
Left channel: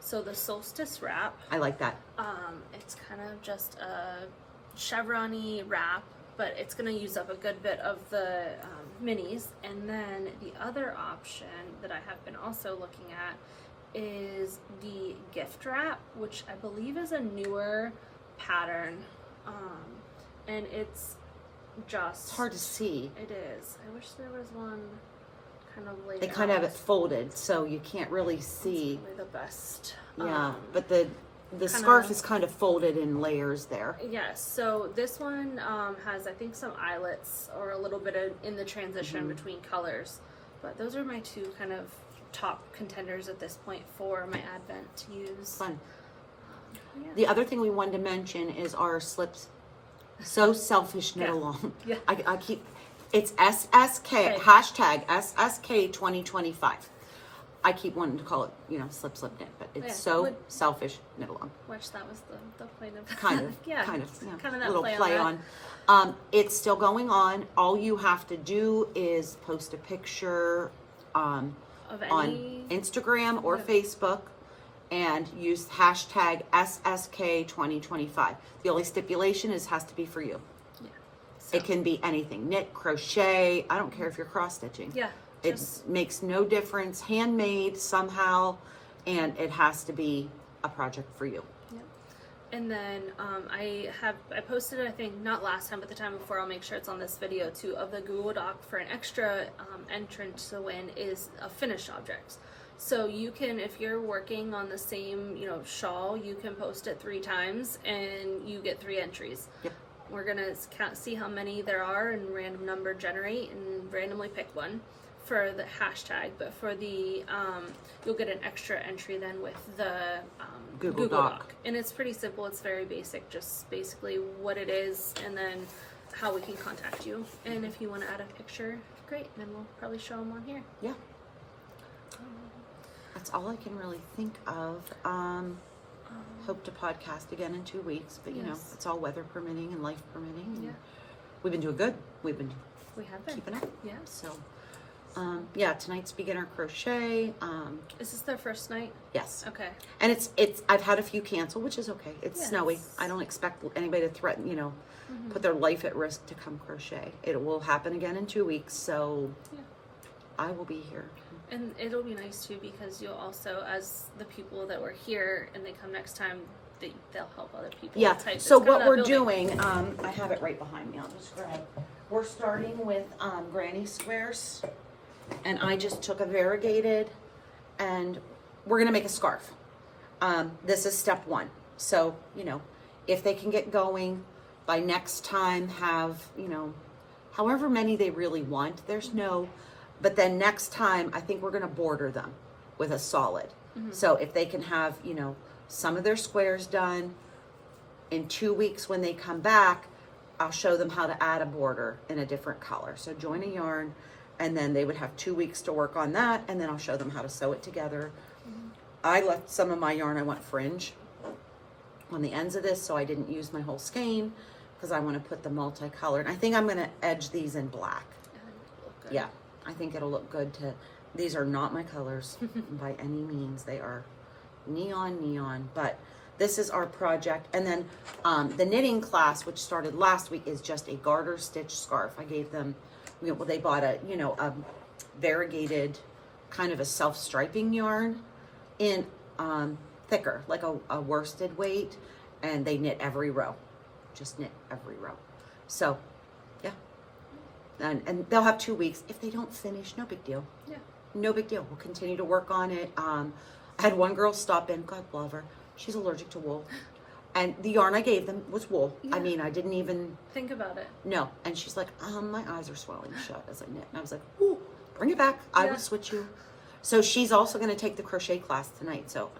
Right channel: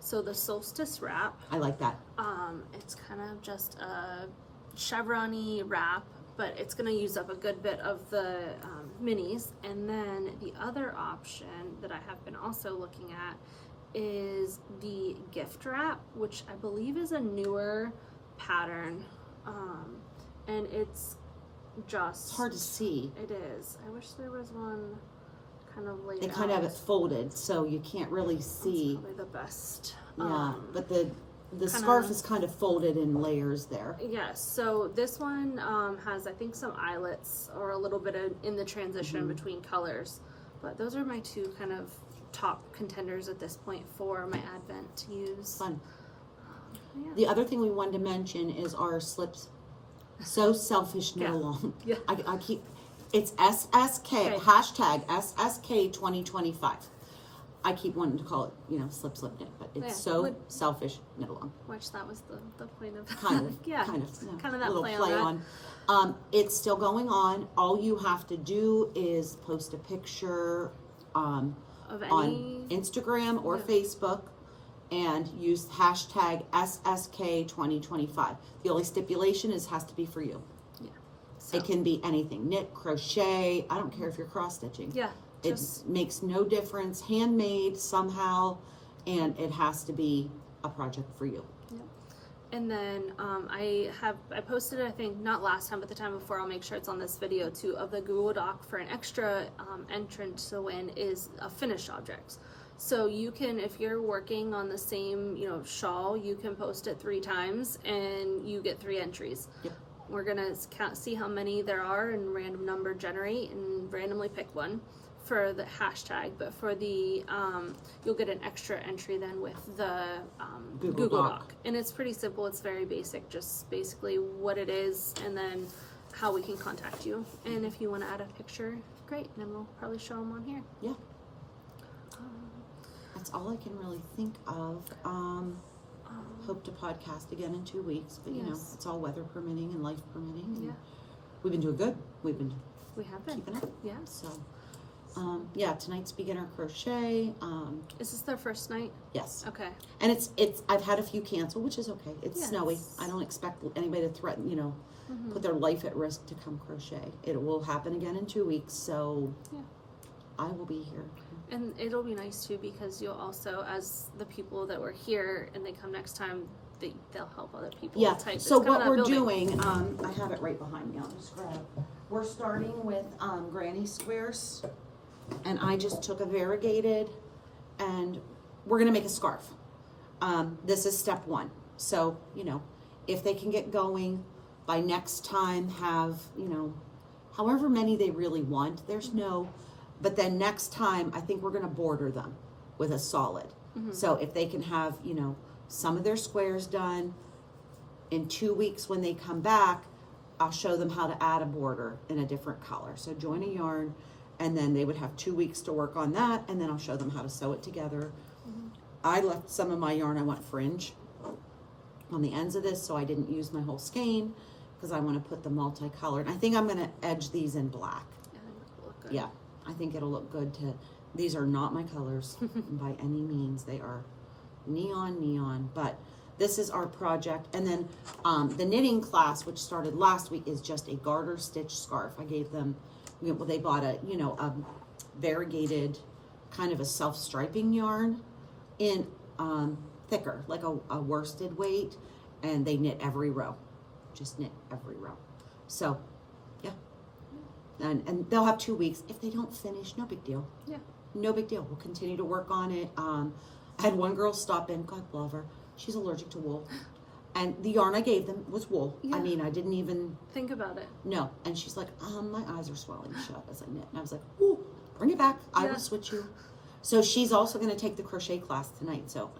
So the solstice wrap. I like that. It's kind of just a chevron-y wrap, but it's going to use up a good bit of the minis. And then the other option that I have been also looking at is the gift wrap, which I believe is a newer pattern. And it's just... It's hard to see. It is. I wish there was one kind of laid They kind of have it folded, so you can't really see. That's probably the best. Yeah, but the scarf is kind of folded in layers there. Yes, so this one has, I think, some eyelets or a little bit in the transition between colors. But those are my two kind of top contenders at this point for my Advent to use. Fun. Yeah. The other thing we wanted to mention is our slips. So selfish, knit along. Yeah. I keep, it's SSK, hashtag SSK 2025. I keep wanting to call it, you know, slip knit, but it's Yeah. so selfish, knit along. Which that was the point of Kind of, yeah, kind of, yeah. kind of that little play on. It's still going on. All you have to do is post a picture Of on Instagram or Facebook and use hashtag SSK2025. The only stipulation is has to be for you. Yeah. So, It can be anything, knit, crochet. I don't care if you're cross stitching. yeah. It makes no difference, handmade somehow, and it has to be a project for you. Yep. And then I posted it, I think not last time but the time before. I'll make sure it's on this video too, of the Google Doc for an extra entrance to win is finished objects. So you can, if you're working on the same, you know, shawl, you can post it 3 times and you get 3 entries. Yep. We're gonna see how many there are and random number generate and randomly pick one for the hashtag, but for the you'll get an extra entry then with the Google Doc. And it's pretty simple. It's very basic, just basically what it is and then how we can contact you. And if you want to add a picture, great, then we'll probably show them on here. Yeah. That's all I can really think of. Hope to podcast again in 2 weeks, but you know, Yes. it's all weather permitting and life permitting. And Yeah. we've been doing good. We've been We have been. keeping up. Yeah. So, yeah, tonight's beginner crochet. Is this their first night? Yes. Okay. And it's, I've had a few cancel, which is okay. It's Yes. snowy. I don't expect anybody to threaten, you know, put their life at risk to come crochet. It will happen again in 2 weeks. So Yeah. I will be here. And it'll be nice too because you'll also, as the people that were here and they come next time, they'll help other people. Yeah. type. So It's kinda what that we're building. doing, I have it right behind me. I'll just grab it. We're starting with granny squares, and I just took a variegated, and we're gonna make a scarf. This is step 1. So you know, if they can get going by next time, have, you know, however many they really want. There's no, but then next time I think we're gonna border them with a solid. So if they can have, you know, some of their squares done in 2 weeks when they come back, I'll show them how to add a border in a different color. So join a yarn, and then they would have 2 weeks to work on that, and then I'll show them how to sew it together. I left some of my yarn, I want fringe on the ends of this, so I didn't use my whole skein because I want to put the multicolored. I think I'm going to edge these in black. It'll look good. Yeah, I think it'll look good to, these are not my colors by any means. They are neon, but this is our project. And then the knitting class, which started last week, is just a garter stitch scarf. I gave them, you know, they bought a, you know, a variegated kind of a self-striping yarn in thicker, like a worsted weight, and they knit every row, just knit every row. So yeah, and they'll have 2 weeks. If they don't finish, no big deal. Yeah. No big deal. We'll continue to work on it. I had one girl stop in, God love her. She's allergic to wool. And the yarn I gave them was wool. Yeah. I mean, I didn't even, Think about it. no. And she's like, my eyes are swelling shut as I knit. And I was like, ooh, bring it back. I Yeah. will switch you. So she's also going to take the crochet class tonight. So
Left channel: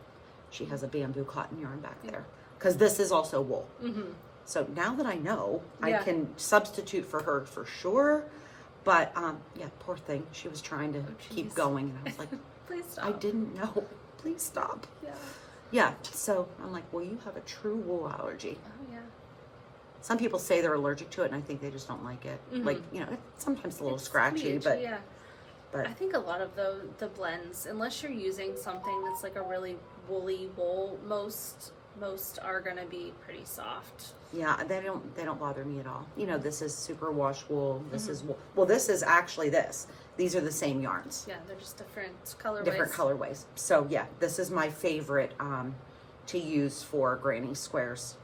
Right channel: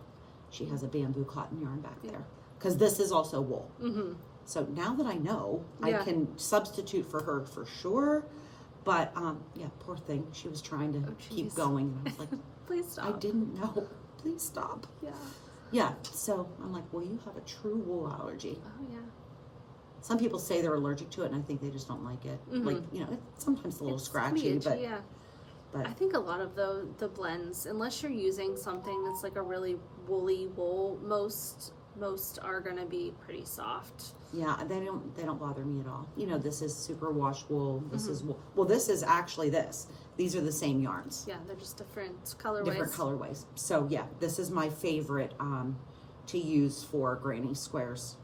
she has a bamboo cotton yarn back there. Because this is also wool. Mm-hmm. So now that I know, Yeah. I can substitute for her for sure. But yeah, poor thing. She was trying to keep jeez. going. And I was like, Please stop. I didn't know. Please stop. Yeah. Yeah, so I'm like, well, you have a true wool allergy. Oh yeah. Some people say they're allergic to it, and I think they just don't like it. Mhm. Like, you know, it's sometimes a little It's scratchy, itchy, but yeah. but I think a lot of the blends, unless you're using something that's like a really woolly wool, most are gonna be pretty soft. yeah, they don't bother me at all. You know, this is super wash wool. This is wool. Well, this is actually this. These are the same yarns, Yeah, they're just different colorways. different colorways. So yeah, this is my favorite to use for granny squares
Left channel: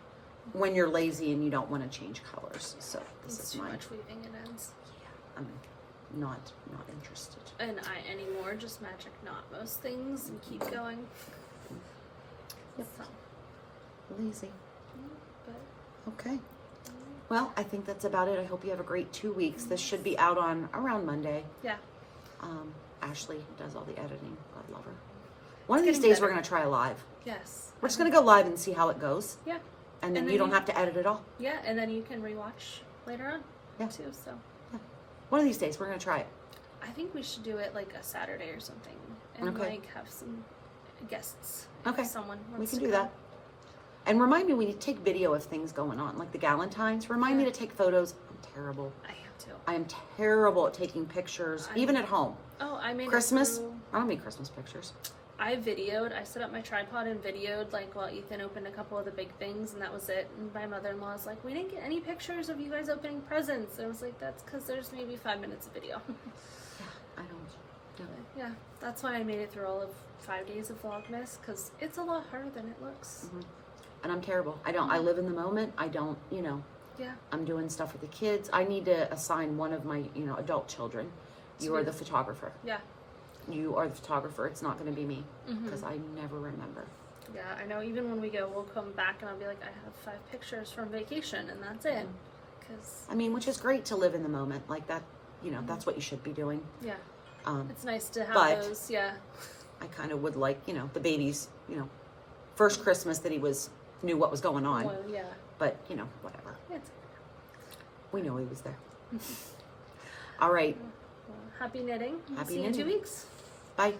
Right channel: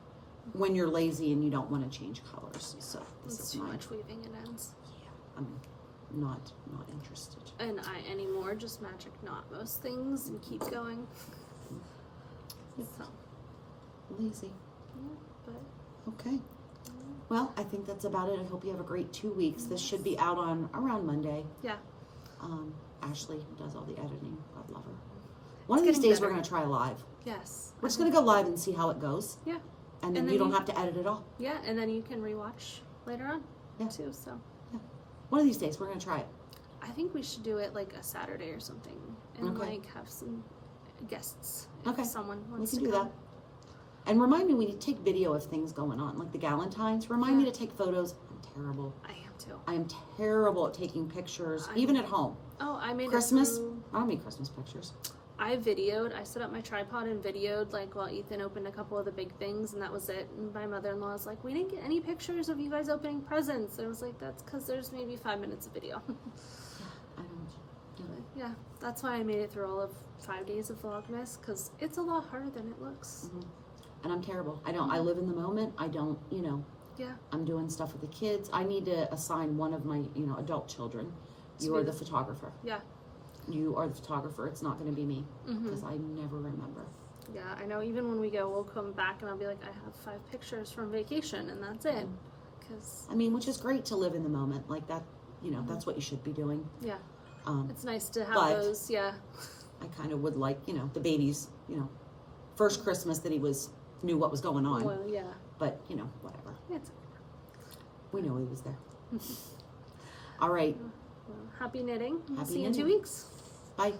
when you're lazy and you don't want to change colors. So this It's is too mine. much weaving it ends. I'm not interested. And I anymore just magic knot most things and keep going. Yep. So, Lazy. yeah, but Okay. Well, I think that's about it. I hope you have a great 2 weeks. This should be out on around Monday. yeah. Ashley does all the editing. God love her. One of It's these getting days we're better. going to try live. Yes. We're just going to go live and see how it goes. Yeah. And then And you then don't you- have to edit at all. Yeah, and then you can rewatch later on Yeah. too. So One of these days we're going to try it. I think we should do it like a Saturday or something, and Okay. like have some guests. Okay. If someone We wants can to do come. that. And remind me, we need to take video of things going on, like the Galentines. Remind me Yeah. to take photos. I'm terrible. I am too. I am terrible at taking pictures, I'm- even at home. Oh, I made Christmas? It through, I don't make Christmas pictures. I set up my tripod and videoed like while Ethan opened a couple of the big things, and that was it. And my mother-in-law was like, "We didn't get any pictures of you guys opening presents." And I was like, "That's because there's maybe 5 minutes of video." I don't. No. Yeah, that's why I made it through all of 5 days of Vlogmas, because it's a lot harder than it looks. Mhm. And I'm terrible. I live in the moment. I don't, Yeah. I'm doing stuff with the kids. I need to assign one of my, adult children. You are the photographer. Yeah. You are the photographer. It's not going to be me Mhm. because I never remember. Yeah, I know. Even when we go, we'll come back and I'll be like, I have 5 pictures from vacation, and that's it. Because I mean, which is great to live in the moment like that. That's what you should be doing. yeah, Um, it's nice to have but- those. Yeah. I kind of would like, the baby's, first Christmas that he knew what was going on. Well, yeah. But, whatever. It's We know he was there. All right. well, happy knitting. Happy See you in 2 knitting. weeks. Bye.